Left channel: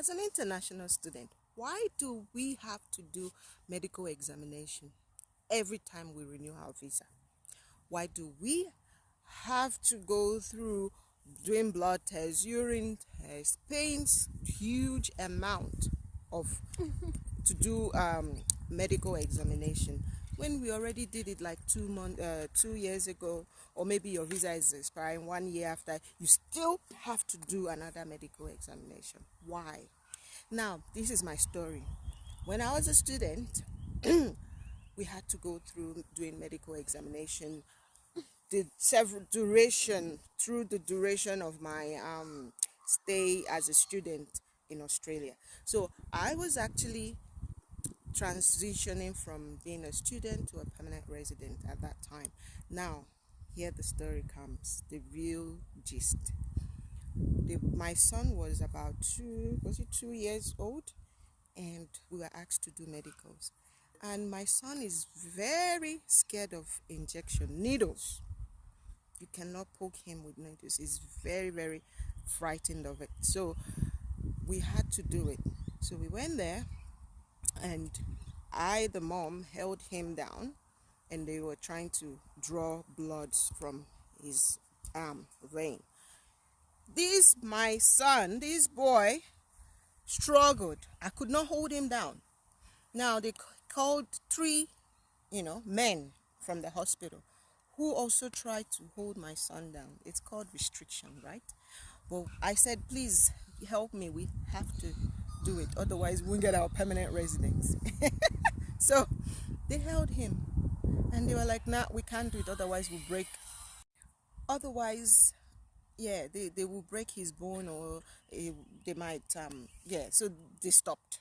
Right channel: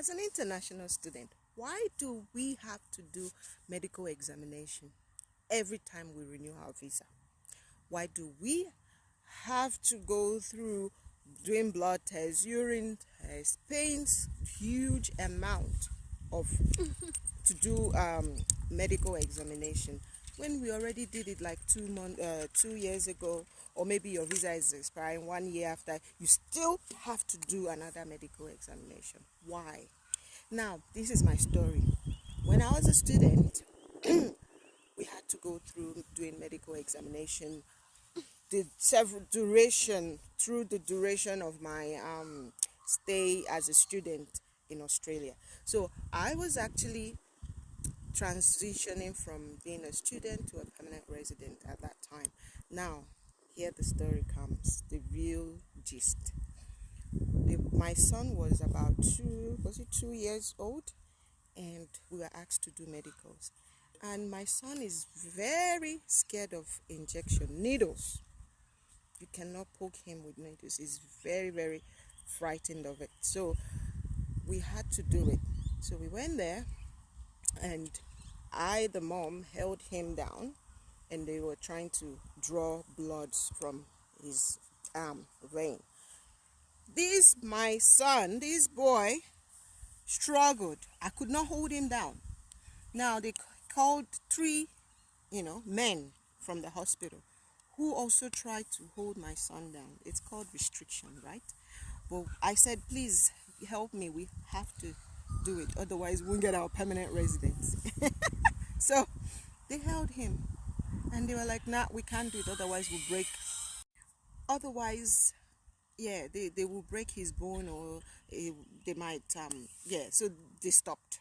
As an international student, why do we have to do medical examination every time we renew our visa? Why do we have to go through doing blood tests, urine tests, paying huge amount of to do medical examination when we already did it like 2 years ago, or maybe your visa is expiring 1 year after? You still have to do another medical examination. Why? Now, this is my story. When I was a student, we had to go through doing medical examination the several duration through the duration of my stay as a student in Australia. So I was actually transitioning from being a student to a permanent resident at that time. Now, here the story comes, the real gist. My son was about 2 years old, and we were asked to do medicals. And my son is very scared of needles. You cannot poke him with needles. He's very, very frightened of it. So we had to do it. So we went there, and the mom, held him down, and they were trying to draw blood from his vein. This boy struggled. I could not hold him down. Now they called three, men from the hospital who also tried to hold my son down. It's called restriction, right? But I said, please help me. We have to do it. Otherwise, we won't get our permanent residence. So they held him, and they were like, nah, we can't do it. Otherwise, we'll break. Otherwise, yeah, they will break his bone, or they might, so they stopped.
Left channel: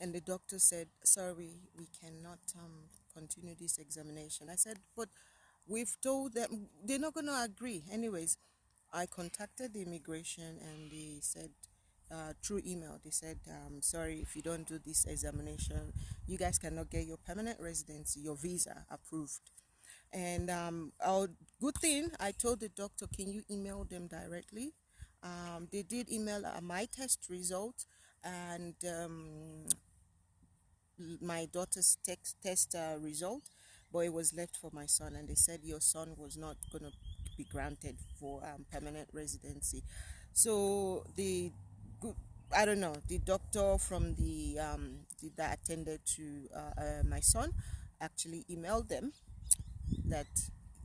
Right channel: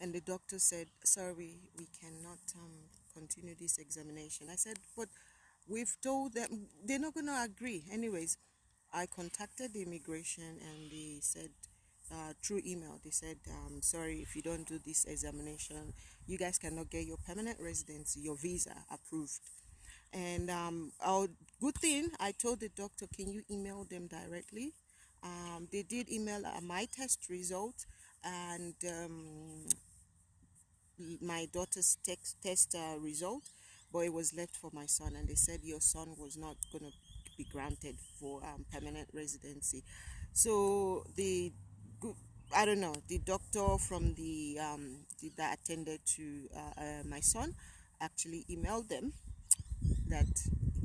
And the doctor said, sorry, we cannot continue this examination. I said, but we've told them they're not going to agree. Anyways, I contacted the immigration, and they said, through email, they said, sorry, if you don't do this examination, you guys cannot get your permanent residency, your visa approved. And good thing, I told the doctor, can you email them directly? They did email my test result and my daughter's test result, but it was left for my son, and they said your son was not going to be granted for permanent residency. So I don't know, the doctor from that attended to my son actually emailed them that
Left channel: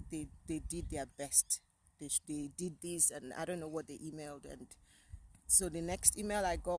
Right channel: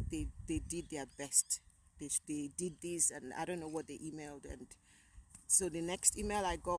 they did their best. They did this, and I don't know what they emailed. And so the next email I got